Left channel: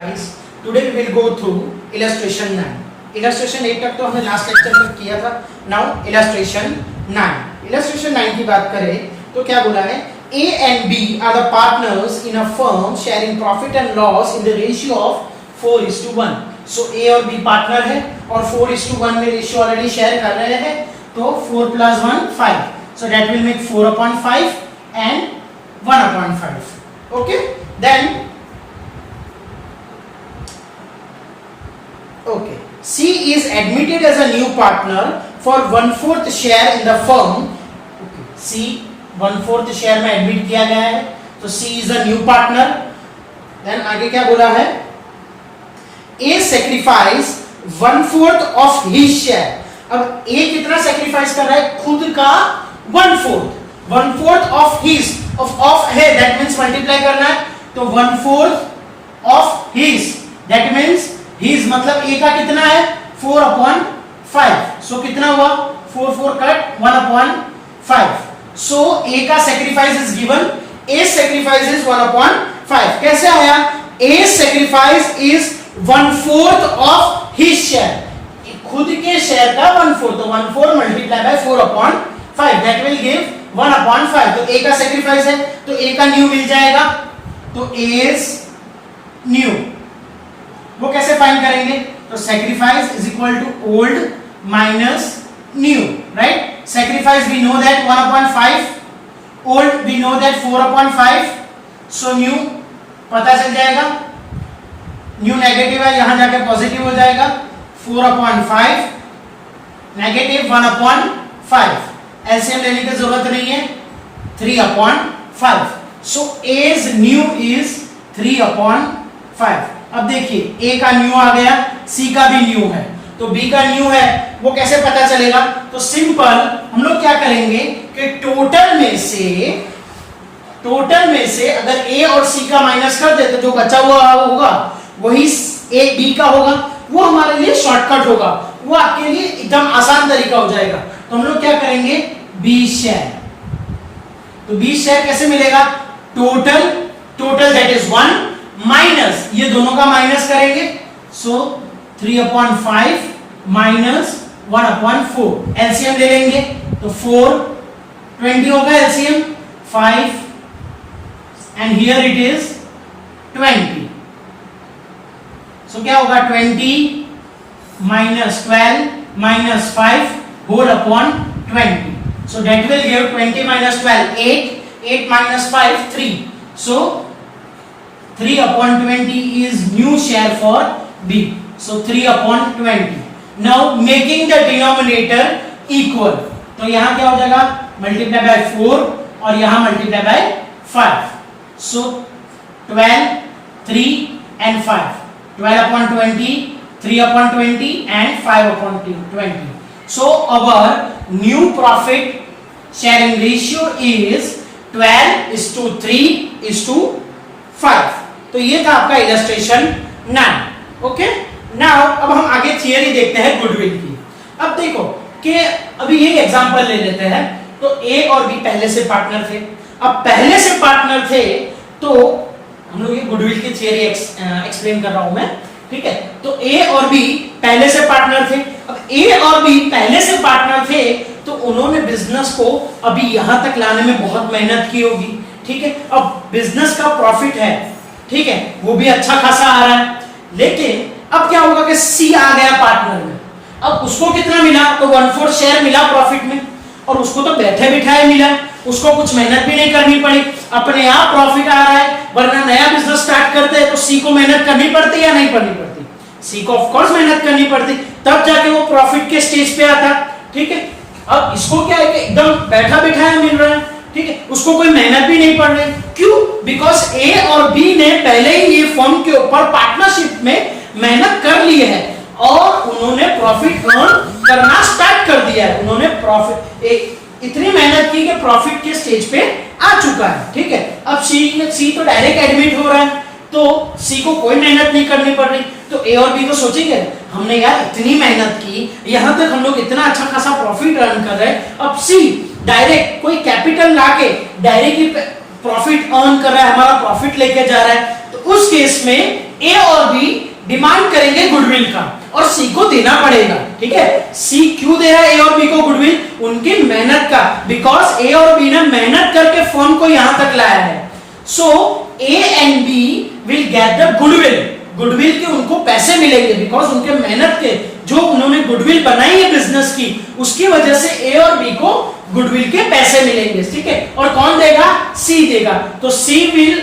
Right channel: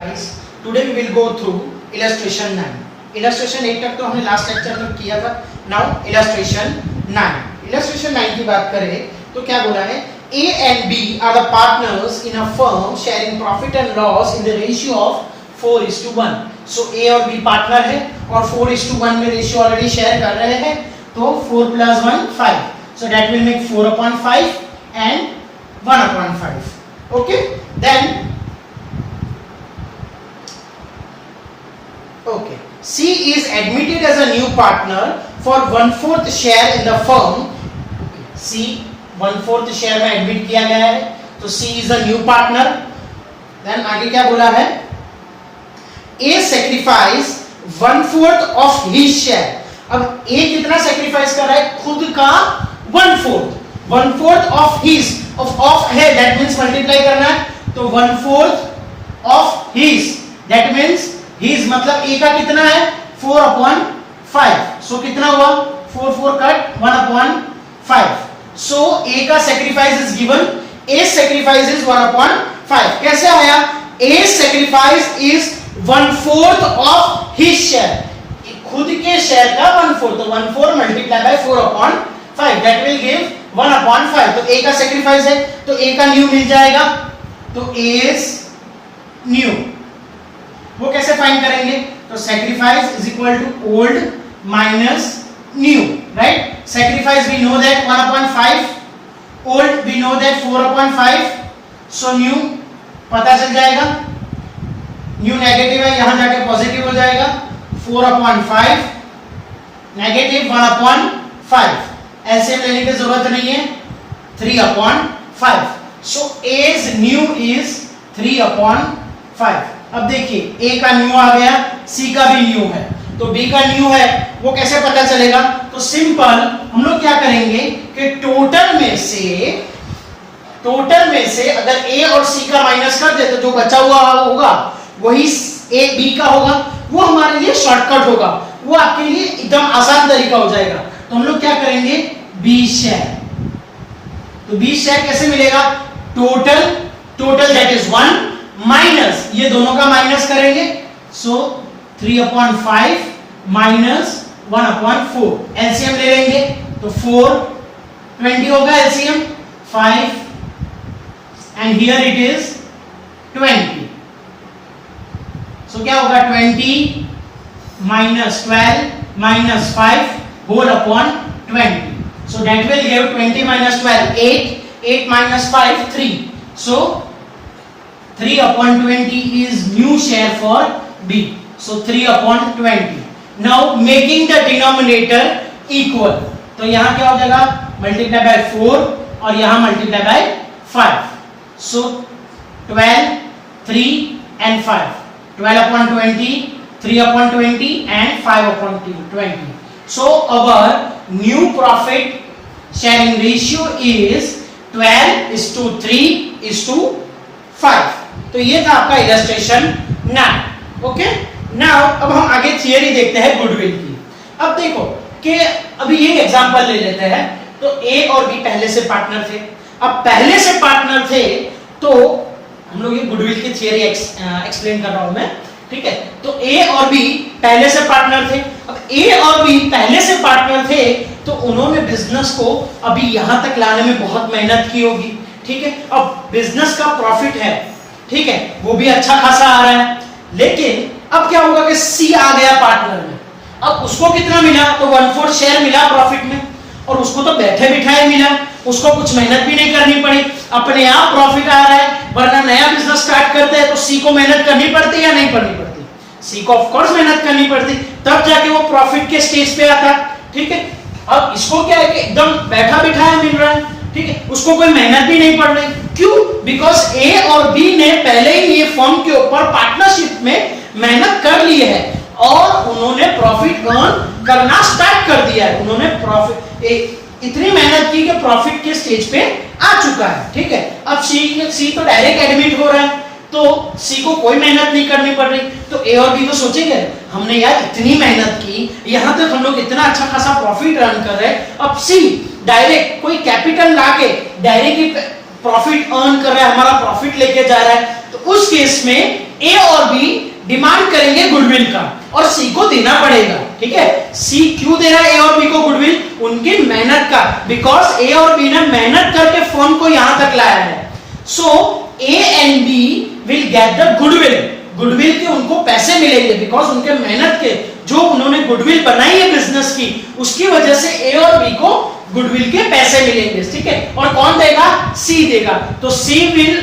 Guys, today we will go through illustration 9. Illustration 8 तक तो हमने लास्ट लेक्चर में किया था. Now illustration 9. Illustration 9 की बात करें तो क्या बोला है? A and B are the partners in a firm sharing profit and loss in the ratio of 4:1. So A और B पार्टनर है और 4:1 में रेशियो ऑलरेडी शेयर कर रहे हैं. तो 4 + 1 5. So that will make 4/5 and 1/5. Okay? Then okay, C is admitted as a new partner for 1/4 share in the firm. Okay. C 1/4 share में admit किया गया है, तो C is a new partner. Then आगे क्या बोला है? A sacrifice 1/4 of his share. अब A कितना sacrifice कर रहा है? खुद का 1/4. 1/4 of his of है, that means multiply करना है, तो 1/4 of his, that means his मतलब A का कितना है 4/5. सो कितना हुआ 4 4 कट 1/5. सो A का sacrifice is given. A sacrifice is 1/5. कैसे आया? A sacrifice is 1/4 of his share. खुद के शेयर का 1/4, तो 1/4 multiply by 4/5, that will give 1/5. तो A का sacrifice है, तो A का न्यू मिल जाएगा. तो A is न्यू वो कैसे फाइंड करेंगे? तो sacrifice is equal to old minus new, right? Sacrifice we know that 1/5, old we know that 4/5, so new पता चल जाएगा. न्यू नेगेटिव है, यहां जाके पॉजिटिव हो जाएगा. 4/5 नेगेटिव 1/5. एलसीएम लेने की जरूरत नहीं है. 3/5. So as new is 3/5. अब देखिए A का न्यू आ गया, C का भी न्यू है, तो B का न्यू है, वो कैसे पता चलेगा? तो सिंपल हम लोग क्या करेंगे कि टोटल में से अगर A और C का माइनस कर दे तो जो बचा हुआ होगा वही A B का होगा. वो हमारे लिए शॉर्टकट होगा, वो आपके लिए एकदम आसान तरीका हो जाएगा. तो हम लोग क्या करेंगे? B share. तो B शेयर कैसे मिलेगा? टोटल दैट इज 1 माइनस ये दोनों का माइनस करेंगे, सो 3/5 माइनस 1/4. एलसीएम ले लेंगे तो 4 20 होगा LCM 5 and here it is 20. So क्या होगा? 20 minus 12 minus 5 whole upon 20. So that will give 20 minus 12 8 minus 5 3. So 3/20 is new share for B. So 3/20. Now making the denominator equal. तो यहाँ क्या हो जाएगा? Multiply by 4 और यहाँ multiply by 5. So 12, 3 and 5. 12/20, 3/20 and 5/20. So our new profit sharing ratio is 12:3:5. तो ये था आपका इलस्ट्रेशन 9. ओके, नाउ अब हम आगे थियरी देखते हैं गुडविल की. अब देखो कि अभी ये एग्जांपल ले लेते हैं. तो ए और बी पहले से पार्टनर थे. अब पहले से पार्टनर थे तो हम लोग ये गुडविल की थियरी एक्सप्लेन कर रहा हूं मैं, ठीक है? तो ए और बी पहले से पार्टनर थे. अब ए और बी पहले से पार्टनर थे तो उन्होंने बिजनेस को अभी यहां तक लाने में बहुत मेहनत की होगी, ठीक है? अब बिजनेस का प्रॉफिट है, ठीक है, वो भी अच्छा खासा आ रहा है. लेकिन अब क्या होगा कि सी आ गया पार्टनर में. अब उसको कितना मिला? तो 1/4 शेयर मिला प्रॉफिट में, और उसको तो बैठे बिठाए मिला, उसको कुछ मेहनत भी नहीं करनी पड़ी, अपने आप प्रॉफिट आ रहा है. वरना नया बिजनेस स्टार्ट करते हैं तो सी को मेहनत करनी पड़ती या नहीं करनी पड़ती? सी को ऑफ कोर्स मेहनत करनी पड़ती, तब जाके वो प्रॉफिट के स्टेज पे आता, ठीक है? अब इसको क्या है कि एकदम बैठा बिठाया मिल रहा है, ठीक है, उसको कोई मेहनत भी नहीं पड़ रही. क्यों? बिकॉज ए और बी ने पहले ही ये फर्म के ऊपर पार्टनरशिप में मेहनत कर ली है और उन्होंने प्रॉफिट अर्न करना स्टार्ट कर दिया है. उन्होंने प्रॉफिट इतनी मेहनत की कि प्रॉफिट के स्टेज पे आ चुका है, ठीक है? अब सी तो डायरेक्ट एडमिट हो रहा है, तो सी को कोई मेहनत नहीं करनी पड़ रही. तो ए और बी को सोचेंगे हमने यार इतनी मेहनत की, यहां तक हम लोग इतना अच्छा खासा प्रॉफिट अर्न कर रहे हैं, अब सी डायरेक्ट कोई कैपिटल लाके डायरेक्ट प्रॉफिट अर्न कर रहा है, हमारा प्रॉफिट लेके जा रहा है, तो उस केस में ए और बी डिमांड करेंगे गुडविल का और सी को देना पड़ेगा, ठीक है। सी क्यों दे रहा है ए और बी को गुडविल? उनकी मेहनत का, बिकॉज ए और बी ने मेहनत करके फर्म को यहां तक लाया है। So A and B will get the goodwill, goodwill के उनको पैसे मिलेंगे बिकॉज उनके मेहनत के जो उन्होंने गुडविल बनाई है बिजनेस की, उसकी वजह से ए और बी को गुडविल के पैसे मिलेंगे, ठीक है। और कौन देगा? सी देगा। तो सी विल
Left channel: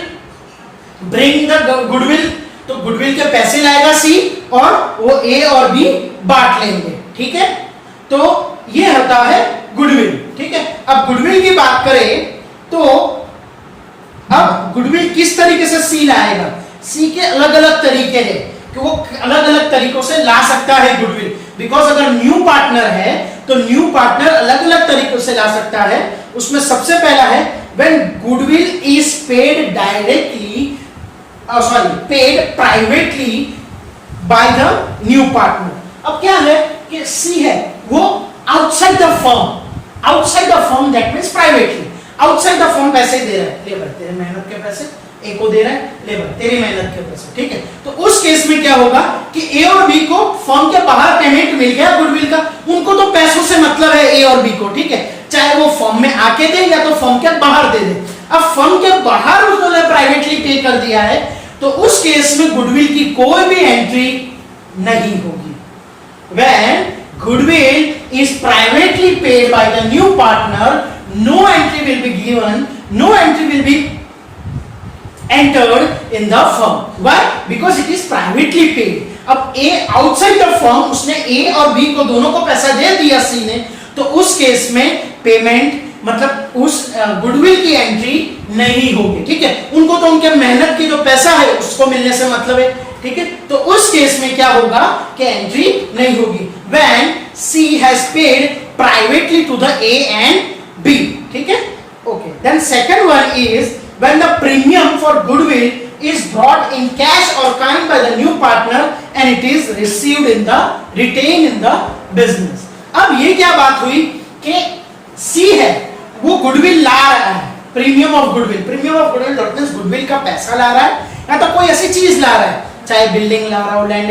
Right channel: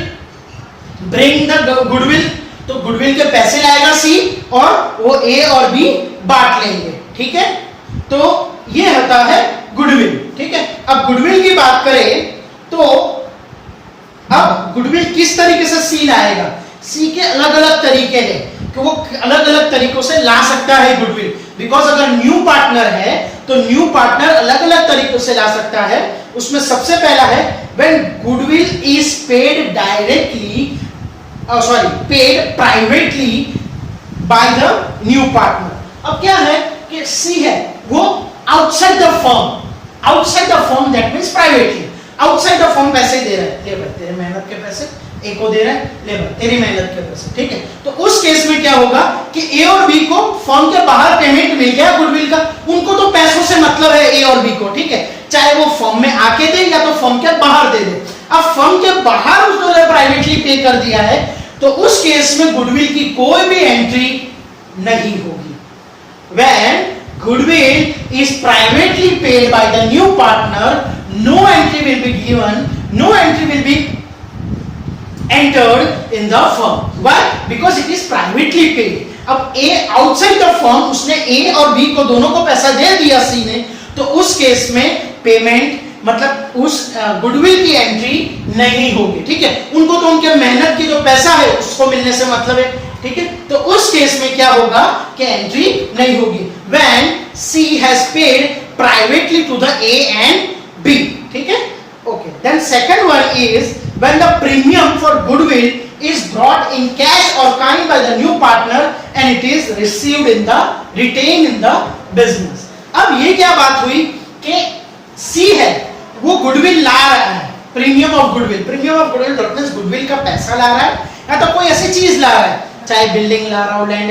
ब्रिंग द गुडविल, तो गुडविल के पैसे लाएगा सी और वो ए और बी बांट लेंगे, ठीक है। तो ये होता है गुडविल, ठीक है। अब गुडविल की बात करें तो अब गुडविल किस तरीके से सी लाएगा? सी के अलग अलग तरीके हैं कि वो अलग अलग तरीकों से ला सकता है गुडविल, बिकॉज अगर न्यू पार्टनर है तो न्यू पार्टनर अलग अलग तरीकों से ला सकता है। उसमें सबसे पहला है when goodwill is paid directly paid privately by the new partner। अब क्या है कि सी है वो outside the firm that means privately, outside the firm पैसे दे रहा है, लेबर तेरे मेहनत के पैसे ए को दे रहा है, लेबर तेरी मेहनत के पैसे, ठीक है। तो उस केस में क्या होगा कि ए और बी को फर्म के बाहर पेमेंट मिल गया गुडविल का, उनको तो पैसों से मतलब है ए और बी को, ठीक है, चाहे वो फर्म में आके दे या तो फर्म के बाहर दे दे। अब फर्म के बाहर उसने प्राइवेटली पे कर दिया है तो उस केस में गुडविल की कोई भी एंट्री नहीं होगी। When goodwill is privately paid by the new partner, no entry will be given, no entry will be entered in the firm. Why? Because it is privately paid. अब A outside the firm उसने A और B को दोनों को पैसा दे दिया C ने, तो उस केस में पेमेंट मतलब उस गुडविल की एंट्री नहीं होगी, ठीक है। उनको तो उनके मेहनत की जो पैसा है उसको मिलने से मतलब है, ठीक है। तो उस केस में क्या होगा कि एंट्री नहीं होगी। When C has paid privately to the A and B, ठीक है। Okay. Then second one is when the premium for goodwill is brought in cash or kind by the new partner and it is received in the retained in the business। अब ये क्या बात हुई कि C है वो goodwill ला रहा है, premium of goodwill, premium of goodwill means goodwill का पैसा ला रहा है या तो कोई ऐसी चीज ला रहा है, चाहे बिल्डिंग ला रहा हो, लैंड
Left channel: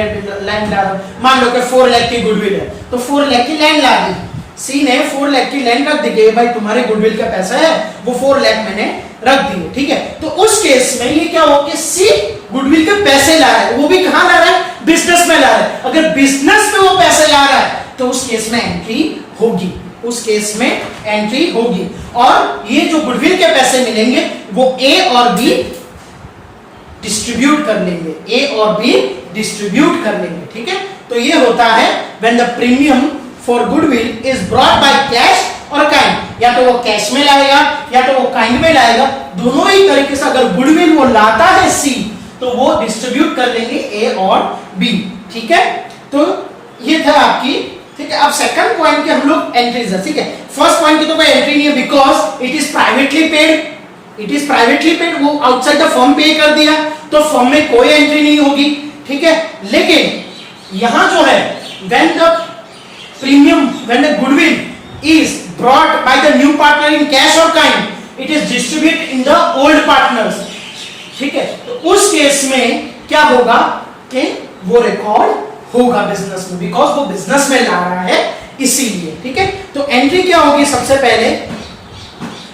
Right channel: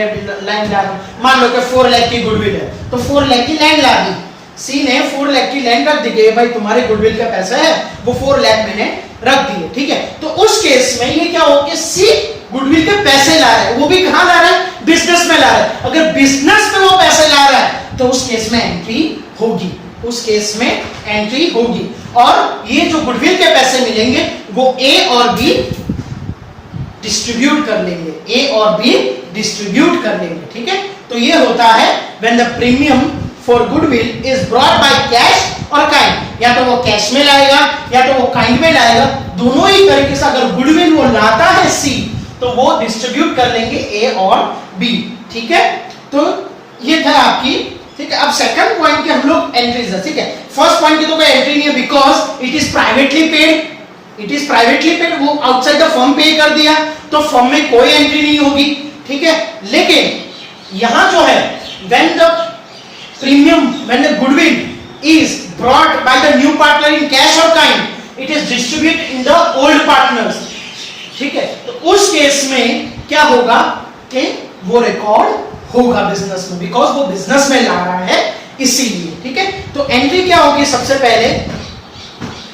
ला रहा हो। मान लो कि 4 लाख की गुडविल है तो 4 लाख की लैंड ला दी, सी ने 4 लाख की लैंड रख दी कि भाई तुम्हारे गुडविल का पैसा है, वो 4 लाख मैंने रख दिए, ठीक है। तो उस केस में ये क्या हो कि सी गुडविल के पैसे ला रहा है, वो भी कहां ला रहा है? बिजनेस में ला रहा है। अगर बिजनेस में वो पैसे ला रहा है तो उस केस में एंट्री होगी, उस केस में एंट्री होगी। और ये जो गुडविल के पैसे मिलेंगे वो ए और बी डिस्ट्रीब्यूट कर लेंगे, ए और बी डिस्ट्रीब्यूट कर लेंगे, ठीक है। तो ये होता है when the premium for goodwill is brought by cash और काइंड, या तो वो कैश में लाएगा या तो वो काइंड में लाएगा, दोनों ही तरीके से अगर गुडविल वो लाता है सी तो वो डिस्ट्रीब्यूट कर लेंगे ए और बी, ठीक है। तो ये था आपकी, ठीक है। अब सेकंड पॉइंट के हम लोग एंट्रीज है, ठीक है। फर्स्ट पॉइंट की तो कोई एंट्री नहीं है because it is privately paid, it is privately paid, वो आउटसाइड द फर्म पे कर दिया तो फर्म में कोई एंट्री नहीं होगी, ठीक है। लेकिन यहां जो है when the premium when the goodwill is brought by the new partner in cash और kind, it is distribute in the old partners, ठीक है। तो उस केस में क्या होगा कि वो रिकॉर्ड होगा बिजनेस में, बिकॉज वो बिजनेस में ला रहा है इसीलिए, ठीक है। तो एंट्री क्या होगी? सबसे पहले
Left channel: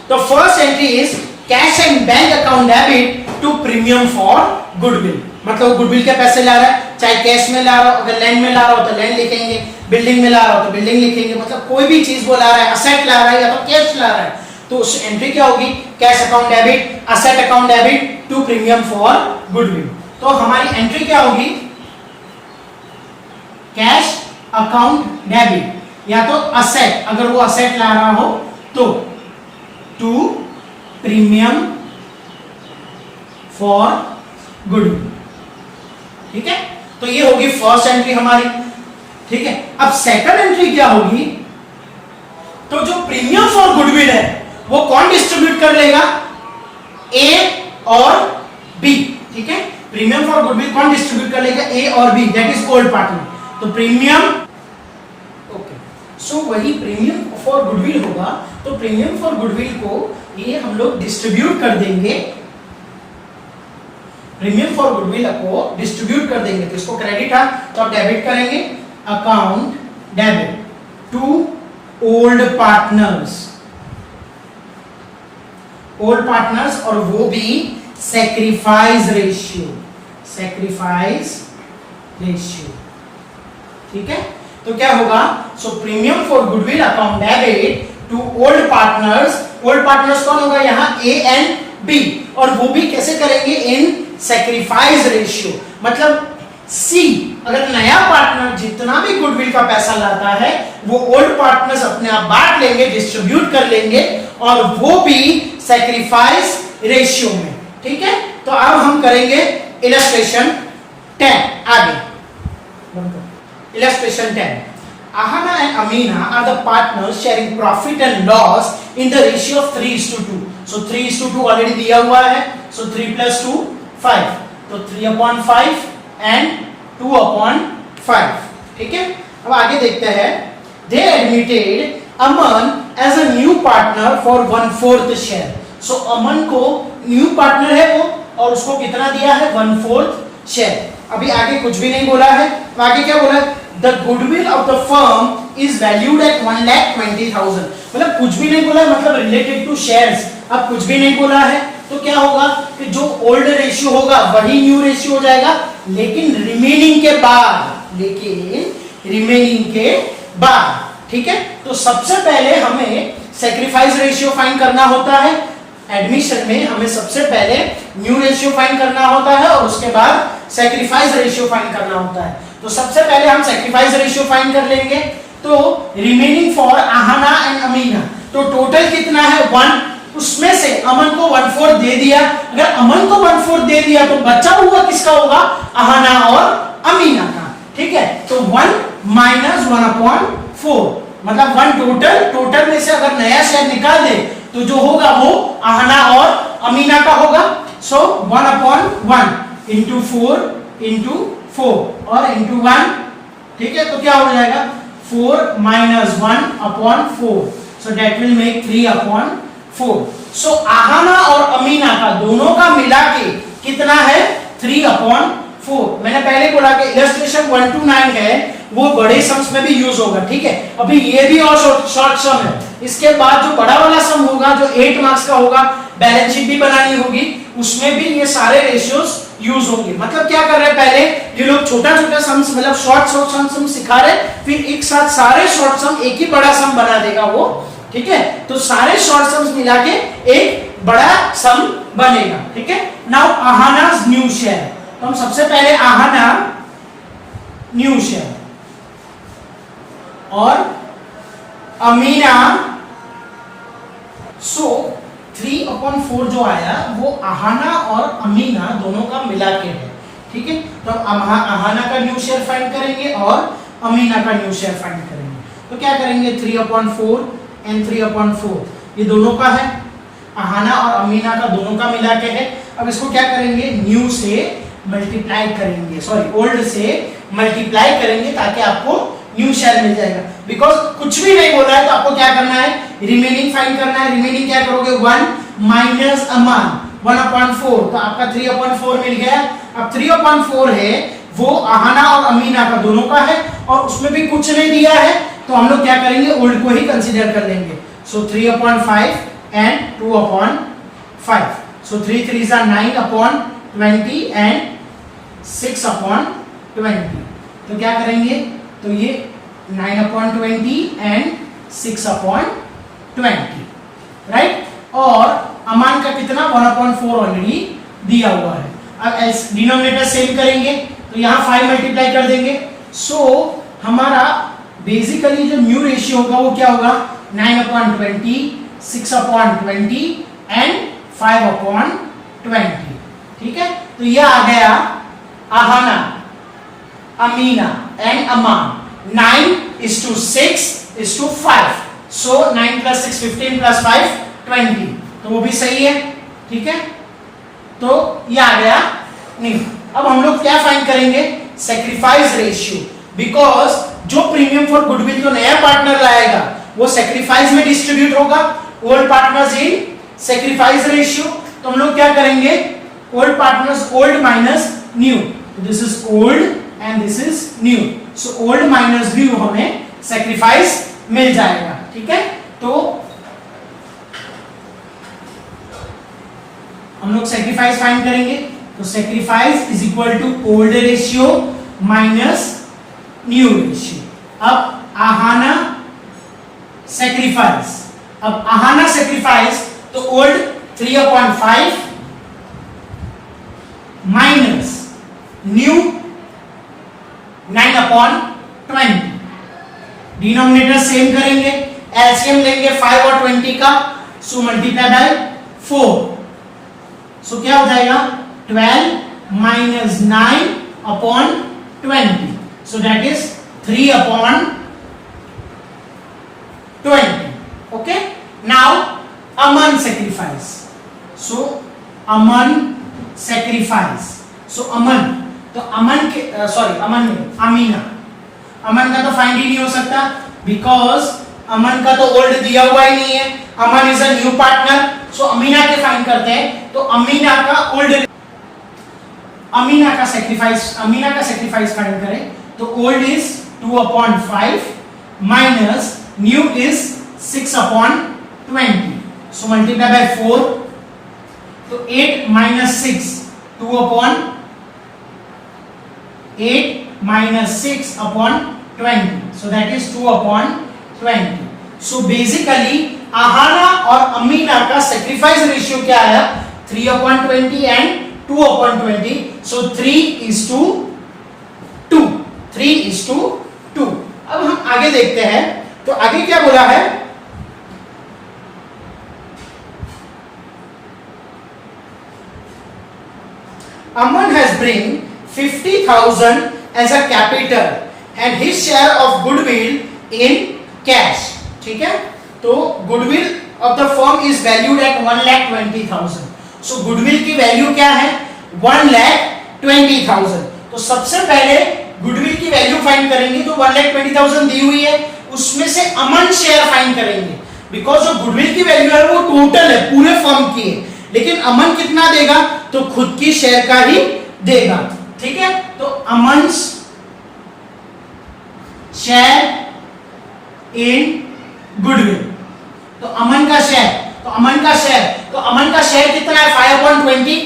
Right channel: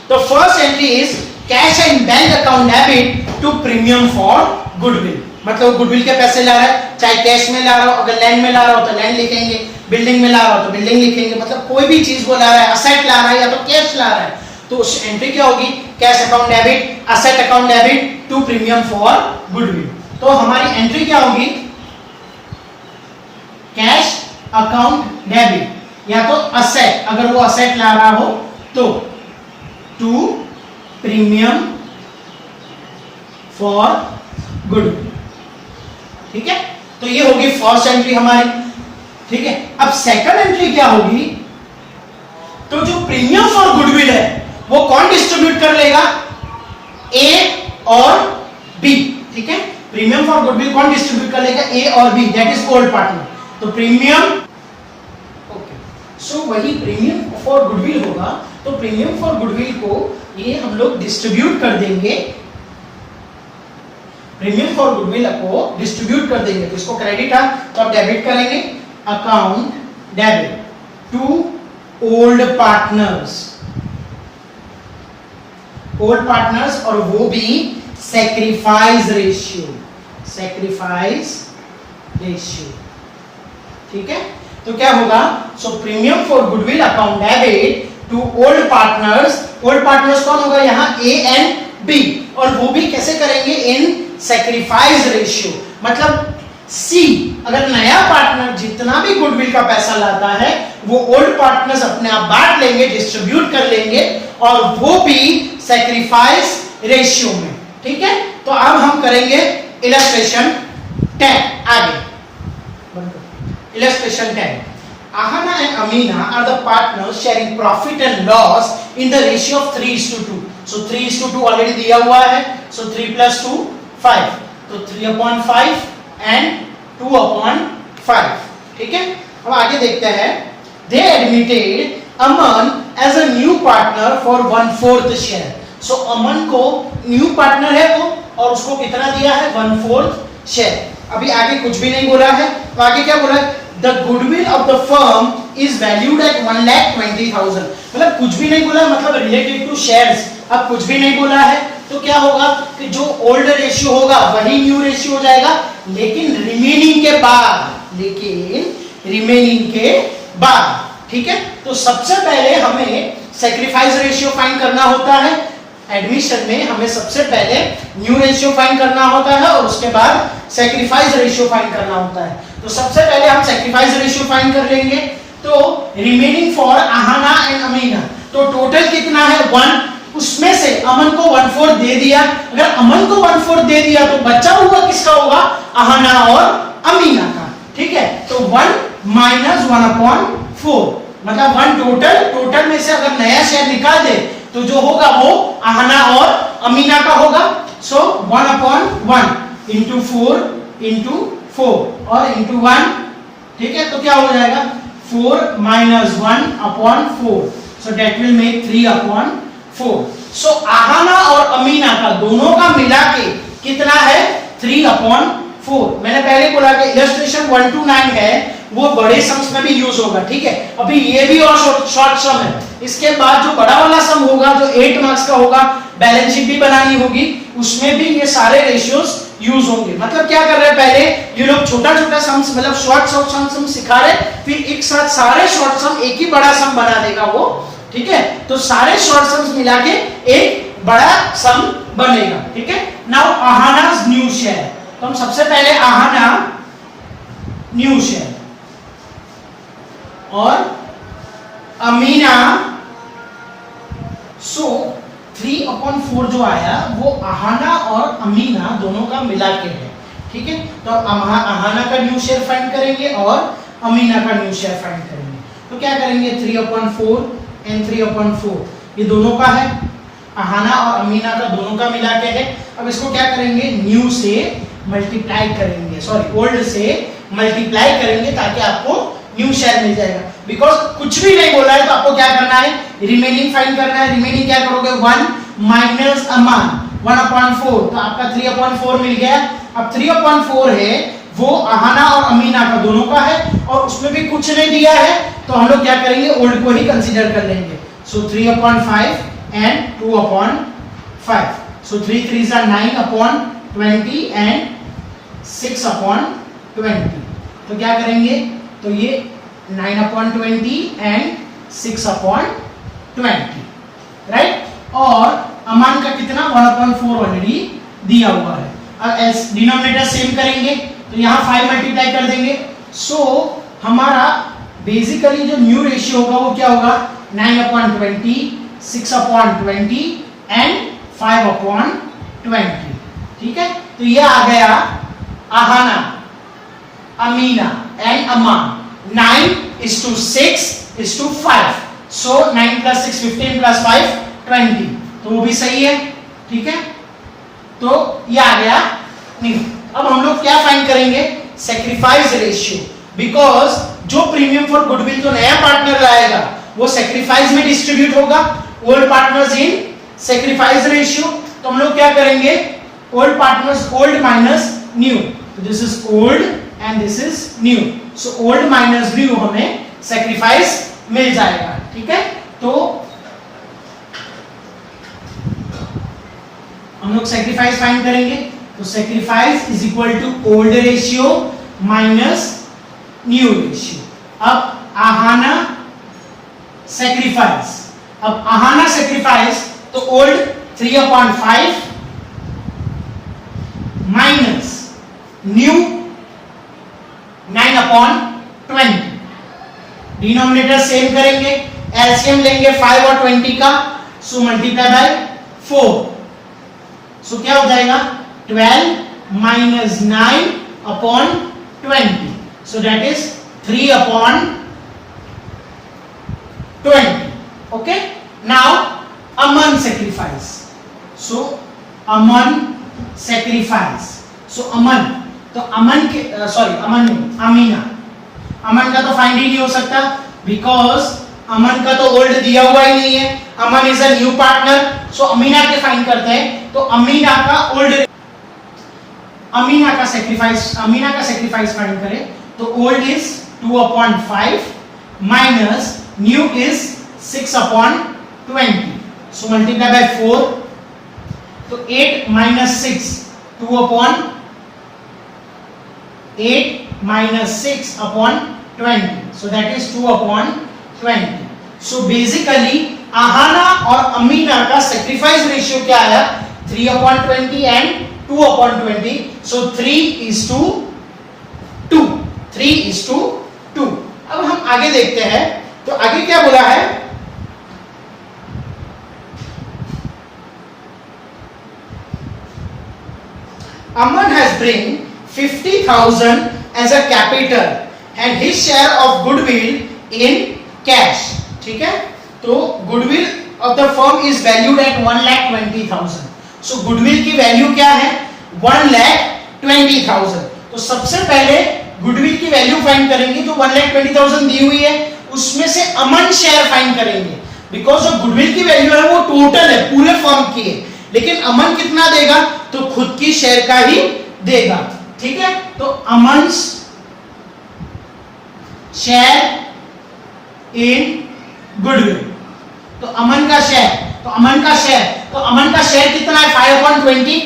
तो first entry is cash and bank account debit to premium for goodwill, मतलब गुडविल के पैसे ला रहा है, चाहे कैश में ला रहा हो, अगर लैंड में ला रहा हो तो लैंड लिखेंगे, बिल्डिंग में ला रहा हो तो बिल्डिंग लिखेंगे, मतलब कोई भी चीज वो ला रहा है, असेट ला रहा है या तो कैश ला रहा है, तो उस एंट्री क्या होगी? Cash account debit, asset account debit to premium for goodwill. तो हमारी एंट्री क्या होगी? कैश अकाउंट डेबिट या तो असेट, अगर वो असेट ला रहा हो तो टू प्रीमियम फॉर गुडविल, ठीक है। तो ये होगी फर्स्ट एंट्री हमारी, ठीक है। अब सेकंड एंट्री क्या होगी? तो जो प्रीमियम फॉर गुडविल है वो कौन डिस्ट्रीब्यूट कर लेगा? ए और बी, ठीक है। प्रीमियम फॉर गुडविल कौन डिस्ट्रीब्यूट कर लेगा? ए और B, that is old partner. तो प्रीमियम, ओके, सो वही प्रीमियम फॉर गुडविल होगा, तो प्रीमियम फॉर गुडविल को ये हम लोग डिस्ट्रीब्यूट कर देंगे प्रीमियम फॉर गुडविल को डिस्ट्रीब्यूट कर देंगे, तो इसको क्रेडिट था तो आप डेबिट करेंगे, account debit to old partners, old partners, और वो भी सैक्रिफाइस रेशियो, सैक्रिफाइस रेशियो, ठीक है। तो क्या होगा, so premium for goodwill account debit to old partners, old partners कौन होगा यहाँ, ए एंड बी, और वो भी कैसे करेंगे, इन सैक्रिफाइस रेशियो, मतलब सी, अगर नया पार्टनर जितना भी गुडविल का पैसा लाता है वो ओल्ड पार्टनर्स अपने आप बांट लेंगे, डिस्ट्रीब्यूट कर लेंगे, और वो भी सैक्रिफाइस रेशियो में, ठीक है। तो अब हम करेंगे इलस्ट्रेशन 10, आगे illustration 10. Ahana and Amina are the partners sharing profit and loss in the ratio of 3:2. So 3:2 already दिया हुआ है, so 3 plus 2 5, तो 3/5 and 2/5, ठीक है। अब आगे देखते हैं, they admitted Aman as a new partner for 1/4 share. So अमन को न्यू पार्टनर है वो, और उसको कितना दिया है, 1/4 शेयर। अभी आगे कुछ भी नहीं बोला है, तो आगे क्या बोला है, the goodwill of the firm is valued at 1,20,000, मतलब कुछ भी नहीं बोला है, मतलब रिलेटेड टू शेयर्स, अब कुछ भी नहीं बोला है, तो क्या होगा कि जो ओल्ड रेशियो होगा वही न्यू रेशियो हो जाएगा, लेकिन रिमेनिंग के बाद, लेकिन रिमेनिंग के बाद, ठीक है। तो सबसे पहले हमें सैक्रिफाइस रेशियो फाइंड करना होता है, एडमिशन में हमें सबसे पहले न्यू रेशियो फाइंड करना होता है, और उसके बाद सैक्रिफाइस रेशियो फाइंड करना होता है। तो सबसे पहले हम सैक्रिफाइस रेशियो फाइंड कर लेंगे, तो remaining for Aahana and Amina, तो टोटल कितना है 1, उसमें से अमन को 1/4 दे दिया, अगर अमन को 1/4 दे दिया तो बचा हुआ किसका होगा, आहाना और अमीना का, ठीक है। तो 1 minus 1/4, मतलब 1 टोटल में से अगर नया शेयर निकाल दे तो जो होगा वो आहाना और अमीना का होगा, सो 1/1 into 4 into 4 और into 1, ठीक है। तो क्या हो जाएगा, 4 minus 1/4, so that will make 3/4. so Aahana और अमीना का दोनों का मिला के कितना है, 3/4। मैंने पहले बोला कि इलस्ट्रेशन 1 to 9 है वो बड़े सम्स में भी यूज होगा, ठीक है। अभी ये भी और शॉर्ट सम है, इसके बाद जो बड़ा वाला सम होगा जो 8 मार्क्स का होगा, बैलेंस शीट भी बनानी होगी, उसमें भी ये सारे रेशियोज यूज होंगे। मतलब क्या कर रहे हैं, पहले ये लोग छोटा छोटा सम्स, मतलब शॉर्ट सम सिखा रहे, फिर एक साथ सारे शॉर्ट सम एक ही बड़ा सम बना देगा वो, ठीक है। तो सारे शॉर्ट सम्स मिला के एक बड़ा सम बनेगा, ठीक है। नाउ आहाना's न्यू शेयर, तो हम सबसे पहले आहाना न्यू शेयर और अमीना, सो 3/4 जो आया वो आहाना और अमीना दोनों का मिला के है, ठीक है। तो आहाना का न्यू शेयर फाइंड करेंगे और अमीना का न्यू शेयर फाइंड करेंगे, तो क्या करेंगे, 3/4 एंड 3/4 ये दोनों का है, आहाना और अमीना का दोनों का मिला के है। अब इसको क्या करेंगे, न्यू से मल्टीप्लाई करेंगे, सॉरी ओल्ड से मल्टीप्लाई करेंगे ताकि आपको न्यू शेयर मिल जाएगा। बिकॉज कुछ भी नहीं बोला है तो आपको क्या करना है, रिमेनिंग फाइंड करना है। रिमेनिंग क्या करोगे, 1 माइनस अमान 1/4, तो आपका 3/4 मिल गया। अब 3/4 है वो आहाना और अमीना का दोनों का है और उसमें भी कुछ नहीं दिया है, तो हम लोग क्या करेंगे, ओल्ड को ही कंसीडर कर लेंगे। सो 3/5 and 2/5, so 3 3s are 9/20 and 6/20, तो क्या करेंगे, तो ये 9/20 एंड 6/20, राइट। और अमान का कितना, 1/4 ऑलरेडी दिया हुआ है। अब डिनोमिनेटर सेम करेंगे तो यहाँ 5 मल्टीप्लाई कर देंगे, सो हमारा बेसिकली जो न्यू रेशियो होगा वो क्या होगा, 9/20, 6/20 एंड 5/20, ठीक है। तो ये आ गया आहाना, अमीना एंड अमान। 9:6:5, सो 9 + 6 15 + 5 20, तो वो भी सही है, ठीक है। तो ये आ गया नहीं। अब हम लोग क्या फाइंड करेंगे, सैक्रिफाइस रेशियो, बिकॉज जो प्रीमियम फॉर गुडविल जो नया पार्टनर लाएगा वो सैक्रिफाइस में डिस्ट्रीब्यूट होगा, old partners in sacrifice ratio. तो हम लोग क्या करेंगे, old partners, old minus new. So this is old and this is new. So old minus new हमें sacrifice मिल जाएगा, ठीक है। तो हम लोग sacrifice फाइंड करेंगे, तो sacrifice is equal to old ratio minus new ratio. अब आहाना sacrifice, अब आहाना sacrifice तो old 3/5 minus new 9/20, denominator same करेंगे, एलसीएम लेंगे 5 और 20 का, सो मल्टीप्लाई बाय 4, सो क्या हो जाएगा 12 minus 9/20, so that is 3/20. Okay, now Aman sacrifice, so Aman sacrifice, so Aman, तो अमन के अमन नहीं, अमीना, अमन का तो फाइंड ही नहीं हो सकता बिकॉज अमन का तो ओल्ड दिया हुआ ही नहीं है, अमन इज अ न्यू पार्टनर, सो अमीना के फाइंड करते हैं, तो अमीना का ओल्ड, अमीना का सेक्रीफाइस फाइंड करें, तो old is 2/5 minus new is 6/20, so multiply by 4, तो 8 minus 6 2/8 minus 6/20, so that is 2/20. So basically Aahana और अमीना का सेक्रीफाइस रेशियो क्या आया 3/20 and 2/20, so 3:2, 3:2. अब हम आगे देखते हैं, तो आगे क्या बोला है, Aman has bring 50,000 as a capital and his share of goodwill in cash. ठीक है, तो goodwill of the firm is valued at 1,20,000. So goodwill की वैल्यू क्या है 1,20,000. तो सबसे पहले goodwill की वैल्यू फाइंड करेंगे, तो 1,20,000 दी हुई है, उसमें से अमन शेयर फाइंड करेंगे, बिकॉज जो गुडविल की वैल्यू है वो टोटल है, पूरे फर्म की है, लेकिन अमन कितना देगा, तो खुद की शेयर का ही देगा, ठीक है। तो अमन शेयर इन गुडविल, तो अमन का शेयर कितना है 5/20,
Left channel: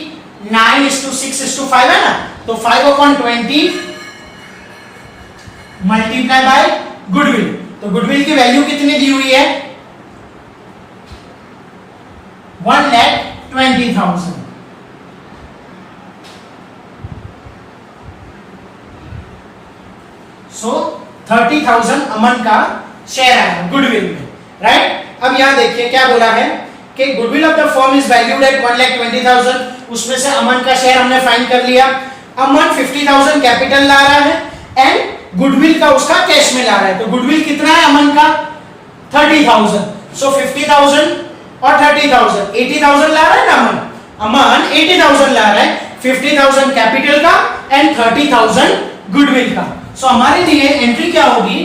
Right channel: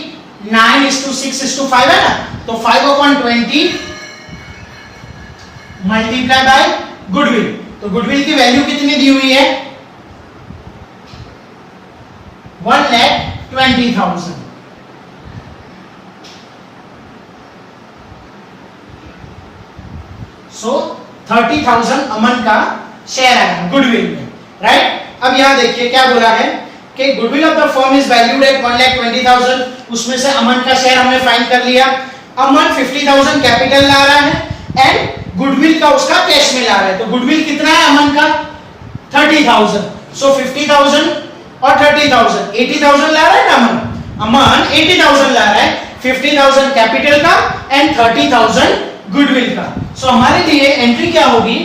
9:6:5 है ना, तो 5/20 मल्टीप्लाई बाय गुडविल, तो गुडविल की वैल्यू कितनी दी हुई है 1,20,000. सो 30,000 अमन का शेयर आया गुडविल में, राइट। अब यहां देखिए क्या बोला है कि goodwill of the firm is valued at 1,20,000, उसमें से अमन का शेयर हमने फाइंड कर लिया। अमन 50,000 कैपिटल ला रहा है एंड गुडविल का उसका कैश में ला रहा है, तो गुडविल कितना है अमन का 30,000, सो 50,000 और 30,000 80,000 ला रहा है ना अमन 80,000 ला रहा है, 50,000 कैपिटल का एंड 30,000 गुडविल का। सो हमारे लिए एंट्री क्या होगी,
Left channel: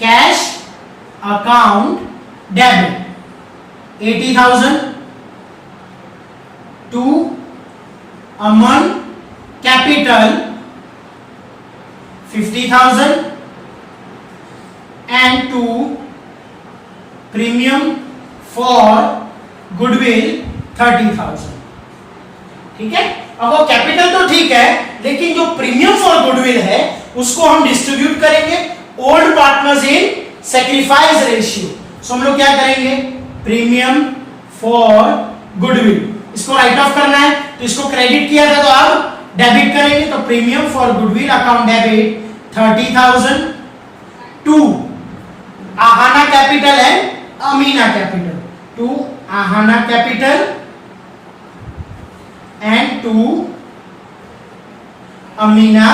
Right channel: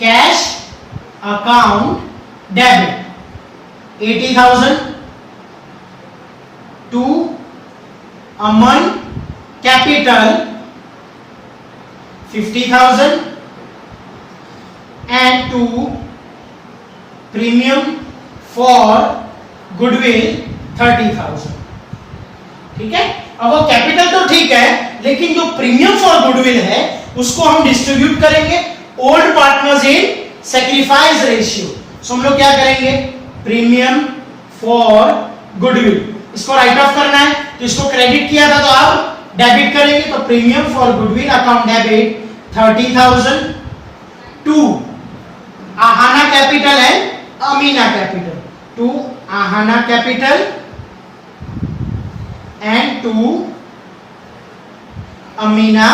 cash account debit 80,000 to Aman capital 50,000 and to premium for goodwill 30,000, ठीक है। अब वो कैपिटल तो ठीक है, लेकिन जो प्रीमियम फॉर गुडविल है उसको हम डिस्ट्रीब्यूट करेंगे old partners in sacrifice ratio. So हम लोग क्या करेंगे, प्रीमियम फॉर गुडविल, इसको राइट ऑफ करना है, तो इसको क्रेडिट किया था तो अब डेबिट करेंगे, तो premium for goodwill account debit 30,000 to Aahana capital and Amina capital, to Aahana capital and to Amina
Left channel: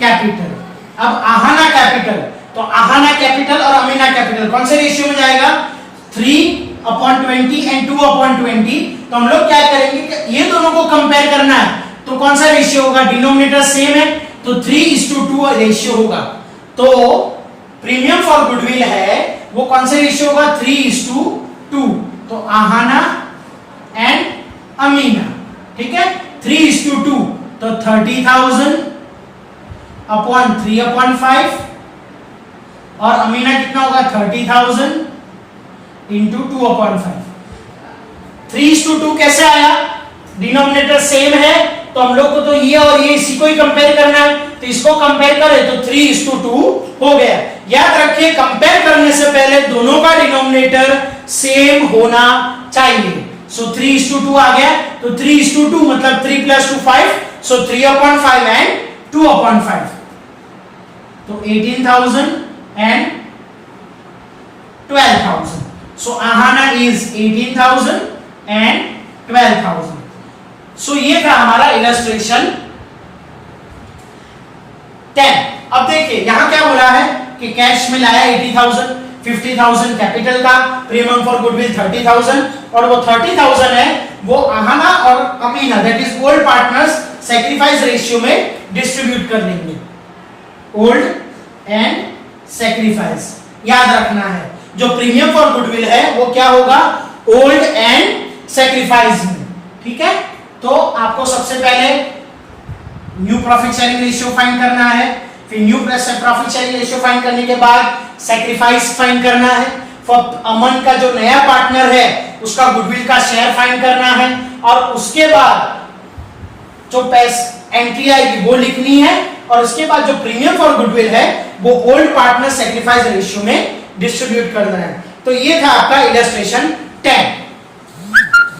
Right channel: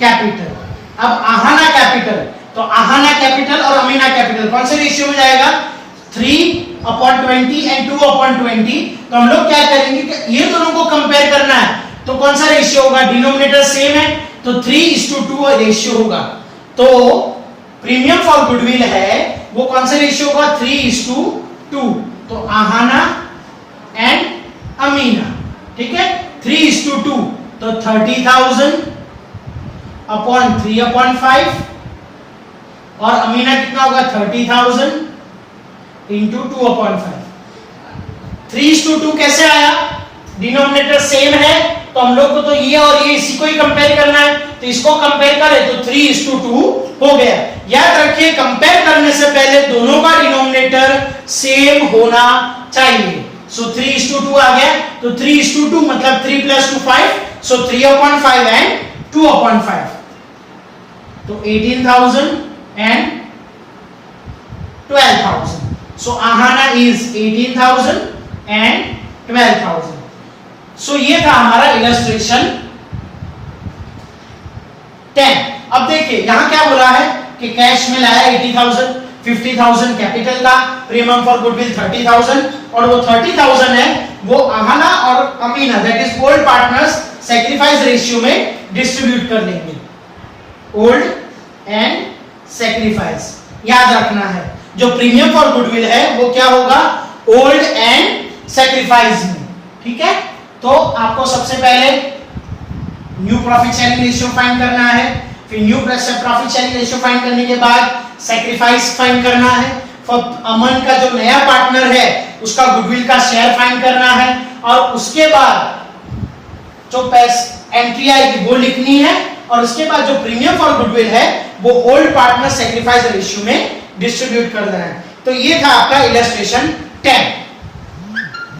capital. अब आहाना कैपिटल, तो आहाना कैपिटल और अमीना कैपिटल कौन से रेशियो में जाएगा 3/20 एंड 2/20, तो हम लोग क्या करेंगे कि ये दोनों को कंपेयर करना है, तो कौन सा रेशियो होगा, डिनोमिनेटर सेम है तो 3:2 रेशियो होगा। तो प्रीमियम फॉर गुडविल है वो कौन सा रेशियो होगा 3:2, तो आहाना एंड अमीना, ठीक है, 3:2, तो 30,000 अपॉन 3/5 और अमीना कितना होगा 30,000 इंटू 2/5। 3:2 कैसे आया, डिनोमिनेटर सेम है तो हम लोग को तो ये और ये इसी को ही कंपेयर करना है, तो इसको कंपेयर करें तो 3:2 हो गया। याद रखिए कंपेयर करने से पहले दोनों का डिनोमिनेटर सेम होना चाहिए। सो 3:2 आ गया, तो 3:2 मतलब 3 + 2 5, सो 3/5 एंड 2/5, तो 18,000 and 12,000। So Aahana is 18,000 and 12,000। सो ये था हमारा इलस्ट्रेशन 10। अब देखिए यहां क्या बोला है कि कैश में लाया 80,000, 50,000 कैपिटल का, प्रीमियम फॉर गुडविल 30,000, और वो 30,000 है वो आहाना और Amina that is old partners sacrifice ratio में डिस्ट्रीब्यूट कर देंगे। ओल्ड एंड सैक्रिफाइस याद रखना है, जो प्रीमियम फॉर गुडविल है वो क्या होगा, ओल्ड एंड सैक्रिफाइस में, ठीक है। तो आपको सबसे पहले new profit sharing ratio find करना है, फिर new profit sharing ratio find करने के बाद सैक्रिफाइस फाइंड करना है, फॉर अमन का जो नया पार्टनर है उसका गुडविल का शेयर फाइंड करना है, और उसके बाद जो एंट्री आएगी वो लिखनी है, और उसके बाद जो प्रीमियम फॉर गुडविल है वो ओल्ड पार्टनर सैक्रिफाइस रेशियो में डिस्ट्रीब्यूट करना है। तो ये था आपका इलस्ट्रेशन 10।